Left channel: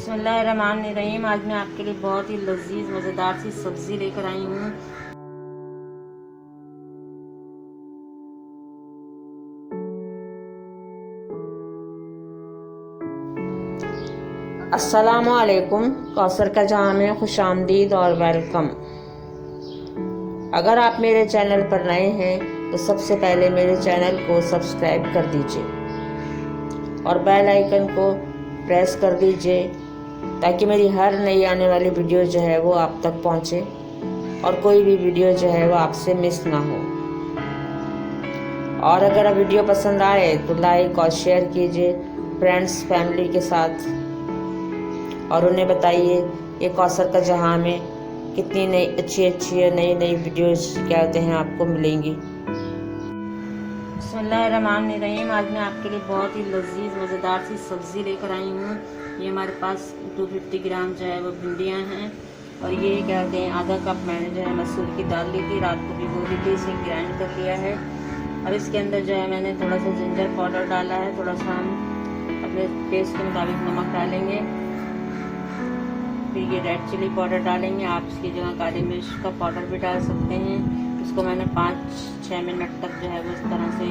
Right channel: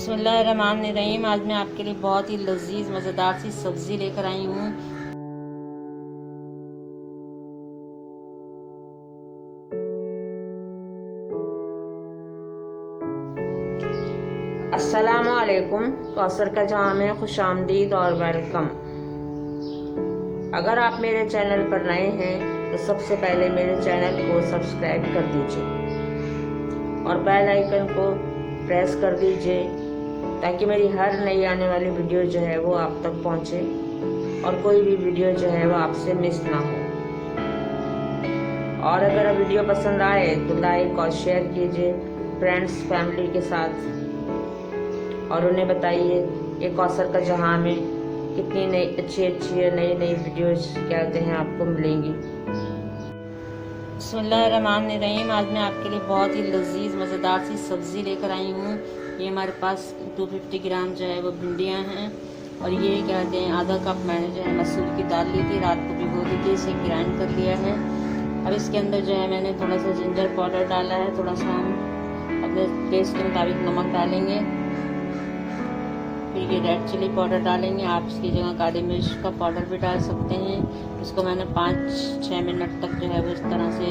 बिस्मिल्लाहिर्रहमानिर्रहीम। आज मैं आपके लिए बहुत ही लजीज मज़ेदार सी सब्ज़ी लेकर आई हूँ। अस्सलामु अलैकुम। कौसर का जहाँ में खुशामदीद और वेलकम। अगर आप मेरे चैनल पर नए हैं तो सबसे पहले मेरे चैनल को सब्सक्राइब कर दीजिए और बेल आइकन को प्रेस कर दीजिए ताकि मेरी हर नई आने वाली वीडियो जो है वो आप तक पहुंचे और कोई भी वीडियो जो है वो आपसे मिस ना हो। और अगर वीडियो पसंद आए तो लाइक और शेयर कीजिए फ्रेंड्स फैमिली के साथ और उन्हें बताइए ये कौसर का जहाँ में कितनी नई अच्छी नई वीडियोस कहते हैं आपको मिलेंगी। बिस्मिल्लाहिर्रहमानिर्रहीम। आज मैं आपके लिए बहुत ही लजीज मज़ेदार सी सब्ज़ी लेकर आई हूँ। ये हमारे पास 250 ग्राम जो है वो भिंडियाँ हैं और ये कहते हैं आधा कप मैंने जो है मसूर की दाल ली थी, रात को भिगो दी थी, इसे ग्राइंड कर लिया है। अब इसके अंदर जो है मैंने थोड़ा सा जिंजर पाउडर डाला है, थोड़ा सा हम अपने टेस्ट के मुताबिक नमक डालेंगे, फिर ये रेड चिली पाउडर डालेंगे। आप इसकी जगह काली मिर्च का पाउडर भी डाल सकते हैं। इसको मैंने 5-6 मिनट तक जो है वो इस तरह से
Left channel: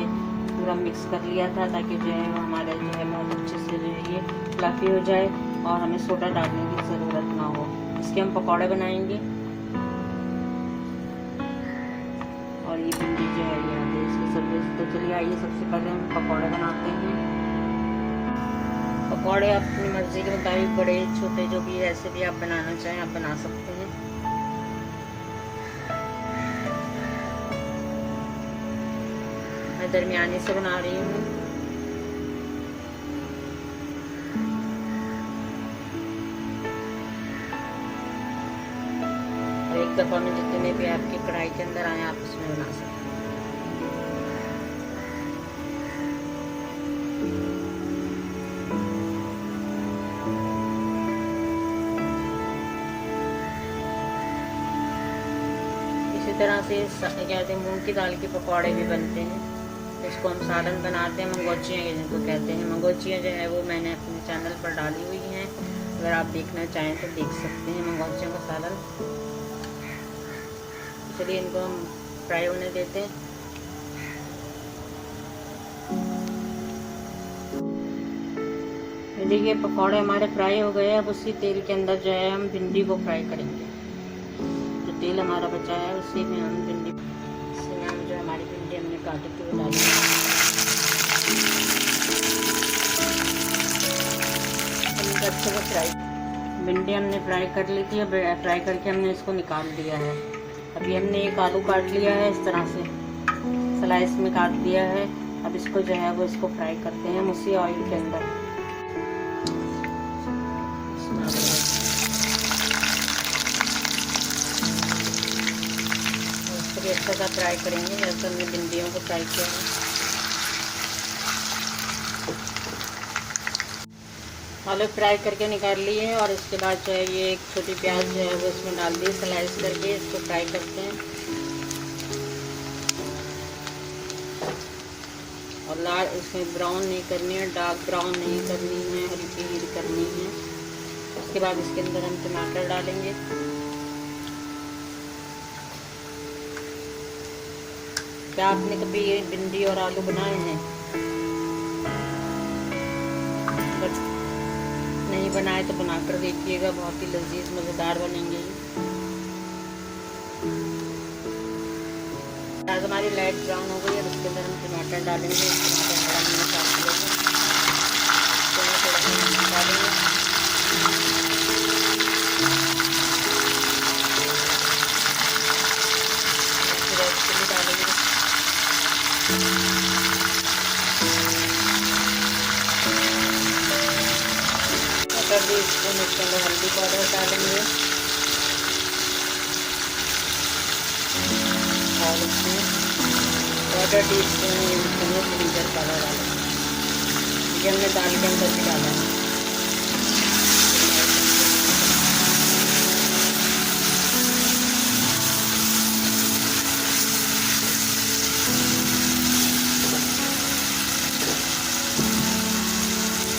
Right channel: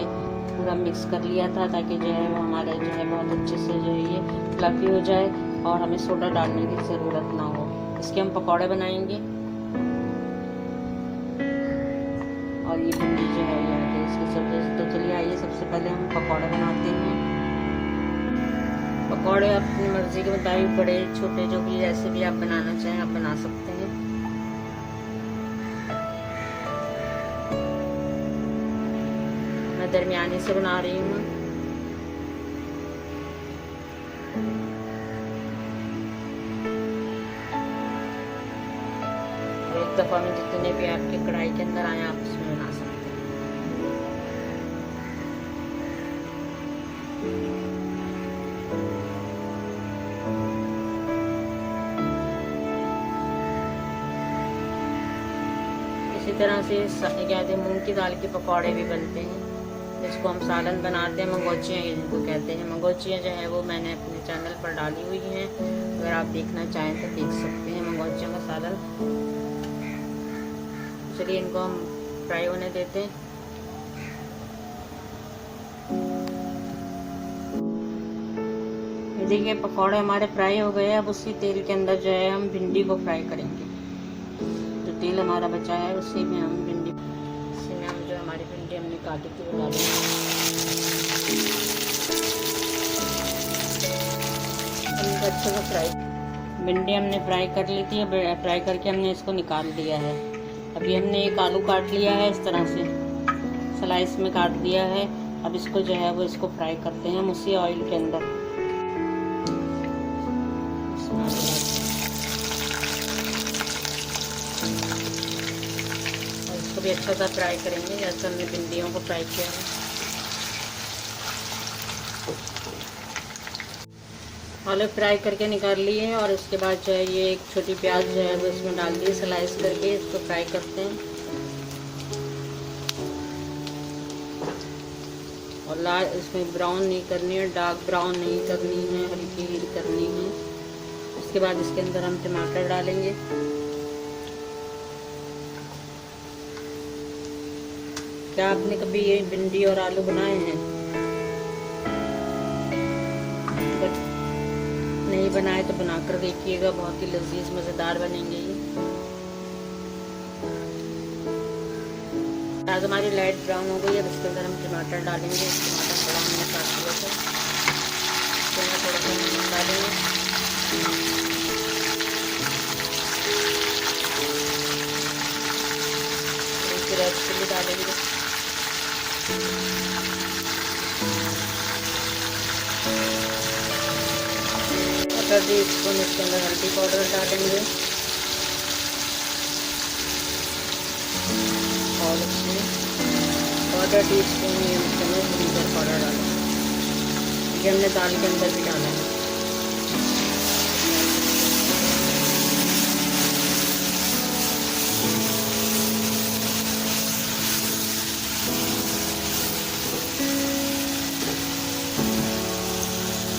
पूरा मिक्स कर लिया था ताकि जो है वो हमारे जो है बहुत अच्छे से जो है ये फ्लफी हो जाए और हमें सोडा डालने की ज़रूरत ना हो। इसके हम पकौड़े बनाएंगे और ये भिंडी जो है ये इसकी सब्जी। तो चलिए आइए सबसे पहले हम पकौड़े बनाते हैं। पकौड़े अपनी मर्ज़ी के मुताबिक बड़े छोटे जो भी ऐसे भी आप बनाना चाहें आप बना सकते हैं। मैं दरमियानी से बना रही हूँ। और एक दफ़ा में जितने भी आपके कढ़ाई के अंदर आए आप उसमें बना सकते हैं। इसी तरह से कहते हैं मूंग की दाल के पकौड़े भी बनते हैं, जिसको हम सालन बनाते हैं, मंगोचियाँ जिनको कहते हैं। मंगोचियाँ जो है वो मैंने अपने चैनल पर डाली हुई हैं, अगर आप देखना चाहें तो देख सकते हैं मंगोचियों का सालन। चलिए इनको हम फ्राई होने देते हैं। देखिए पकौड़े हमारे फ्राई हो गए। अब उसी तेल के अंदर जो है हम भिंडी को फ्राई करेंगे। जो तेल हमारा बचा है उसी में हम भिंडी, इसी में हम जो हमारी भिंडी हमने काटी थी वो डालेंगे। अच्छे से फ्राई भिंडी हमने फ्राई कर ली थी। अब फ्राई करके हमने इसको निकाल दिया है। अभी हमने एक आलू काट लिया है, इस तरह से स्लाइस में काट दिया है। अब इसको जो है वो इसको फ्राई करते हैं हम उसी ऑयल के अंदर। इसको भी अच्छा सा फ्राई करेंगे जैसे हमने भिंडियों को फ्राई किया है। आलू फ्राई करके निकाल लिए हैं और इसके बाद जो है ये एक छोटी प्याज जो है वो इसमें डाल दी स्लाइस करके। इसको फ्राई करते हैं और लाल इसमें ब्राउन नहीं करनी है, डार्क ब्राउन नहीं करनी है, हल्की हीर करनी है। उसके बाद इसके अंदर हम टमाटर डालेंगे। क्या आपने कभी ये भिंडी और आलू बनाए हैं? बट नहीं बनाए तो बनाकर देखिएगा, बहुत ही लजीज मज़ेदार बनेंगे ये। प्याज हमारी लाइट ब्राउन हो गई है। अब इसके अंदर हम टमाटर डालेंगे। टमाटर बड़ा हमने काट लिया था, इसमें थोड़ा सा नमक डालेंगे। रेड चिली डालेंगे। आधा टीस्पून इसके अंदर हल्दी पाउडर डालेंगे और इसमें आधा टीस्पून इसमें जिंजर पाउडर डालेंगे। ये हमने दाल के अंदर भी डाला है।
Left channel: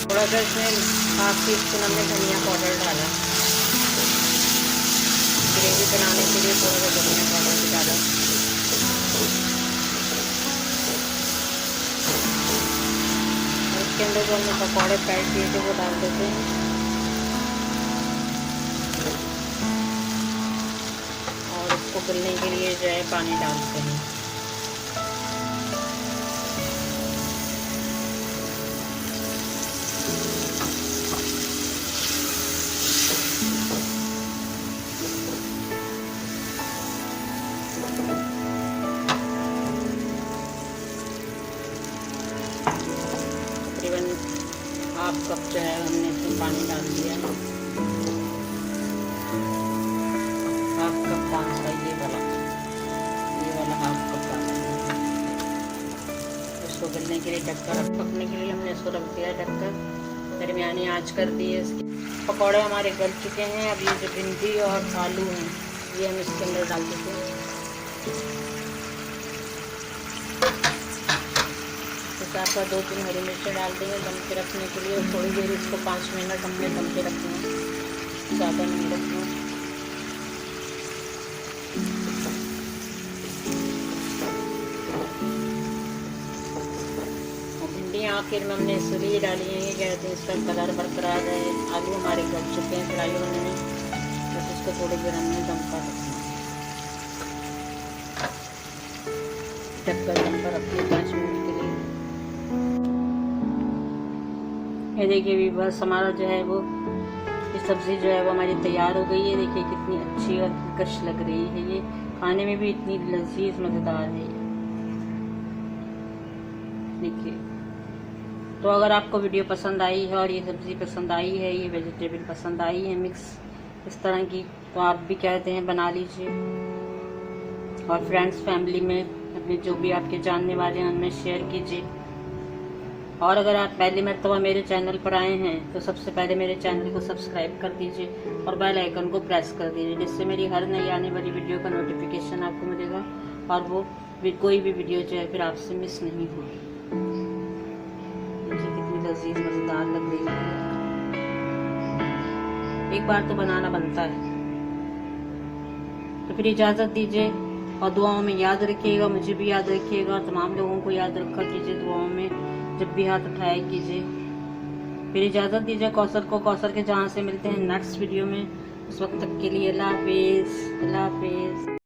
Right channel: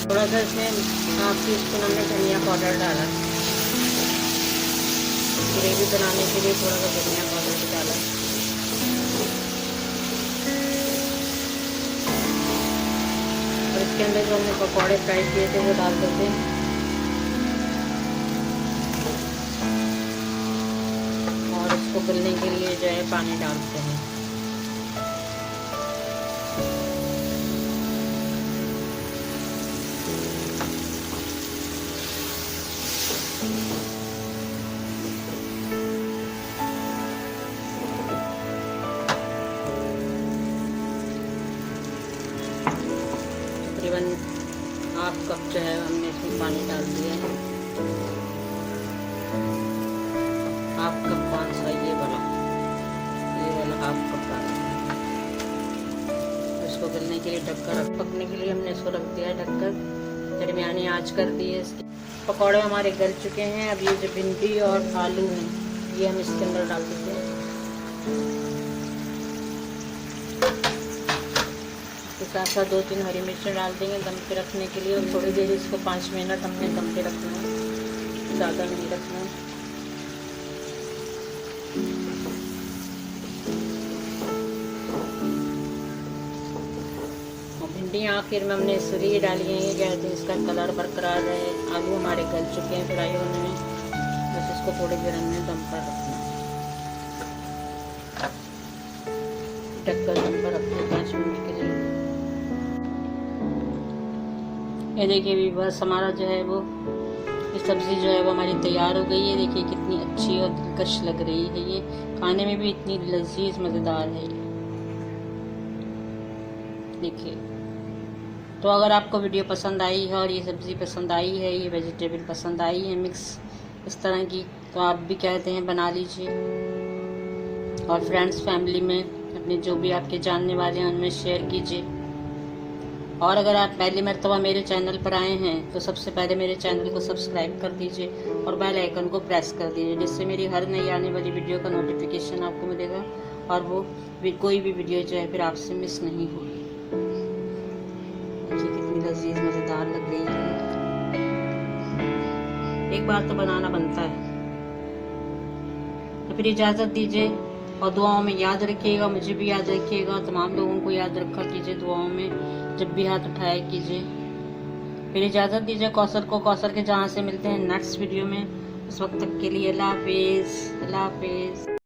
थोड़ा थोड़ा सा इसमें हाफ टी स्पून हमने धनिया पाउडर डाला, ग्रेवी बनाने के लिए थोड़ा सा धनिया पाउडर भी डाला। और इसके अंदर जो हमने पकौड़े फ्राई किए थे वो डाल देते हैं। और इसको गलने के लिए जो है पानी डालते हैं। तकरीबन हाफ कप जो है हमने इसमें पानी डाल दिया है। हाफ कप पानी सा ये वाला हाफ कप डाला है। इसको गलने के लिए ढककर पकने के लिए हमने इसको रख दिया है ढककर। दरमियानी आंच कर दी है इसकी। पकौड़े हमारे गल चुके हैं। अब ये जो भिंडी और आलू हैं ये हम इसके अंदर डाल देते हैं। साथ साथ 2-3 हरी मिर्चें डाल देंगे दम पे रखने के लिए। और थोड़ी देर इसको 5 मिनट हमने दम पे रखना है, ज़्यादा नहीं रखना। और भिंडियाँ आखिर में हमने इसलिए डाली हैं, ये कहते हैं इसका कलर बरकरार रहे। आलू हमारे गल चुके हैं फ्राई होने में, बस इसको थोड़ी देर हमने दम पर रखना है। ढककर दम पर रखिए 5 मिनट के लिए। ये देखिए भी बस हमारा जो है वो ये सब्ज़ी जो है वो हमारी तैयार हो गई है। देखिए कितनी अच्छी और दिलकश लग रही है। ये खाने में भी इतनी लजीज मज़ेदार है। देखिए, तो अगर आपको वीडियो पसंद आई है और ये सब्ज़ी पसंद आई है, ये वेजिटेबल पसंद आई है मिक्स इस तरह की, तो आप भी कहते हैं बना लीजिए। और फ्रेंड्स फैमिली में अपने जो भी आपके जानने वाले हैं उनमें शेयर कीजिए। और अगर आप पहली मर्तबा मेरे चैनल पर आए हैं तो सबसे पहले मेरे चैनल को सब्सक्राइब कर दीजिए और बेल आइकन को प्रेस कर दीजिए, जिससे मेरी हर नई आने वाली वीडियो का नोटिफिकेशन आपको मिलेगा और वो कोई भी वीडियो जो है फिर आपसे मिस नहीं होगी। देखिए कितनी लजीज मज़ेदार लग रही है। एक बार तो बनाना बनता है। तो फिर इजाज़त दीजिए और दुआओं में याद रखिएगा, मुझे भी याद रखिएगा, तमाम लोगों को याद रखा कीजिए दुआओं में जब भी हाथ उठाया कीजिए। फिर इजाज़त दीजिए कौसर को, कौसर के जहाँ से मिलते हैं नेक्स्ट वीडियो में। उस वक्त तक के लिए अल्लाह हाफिज़।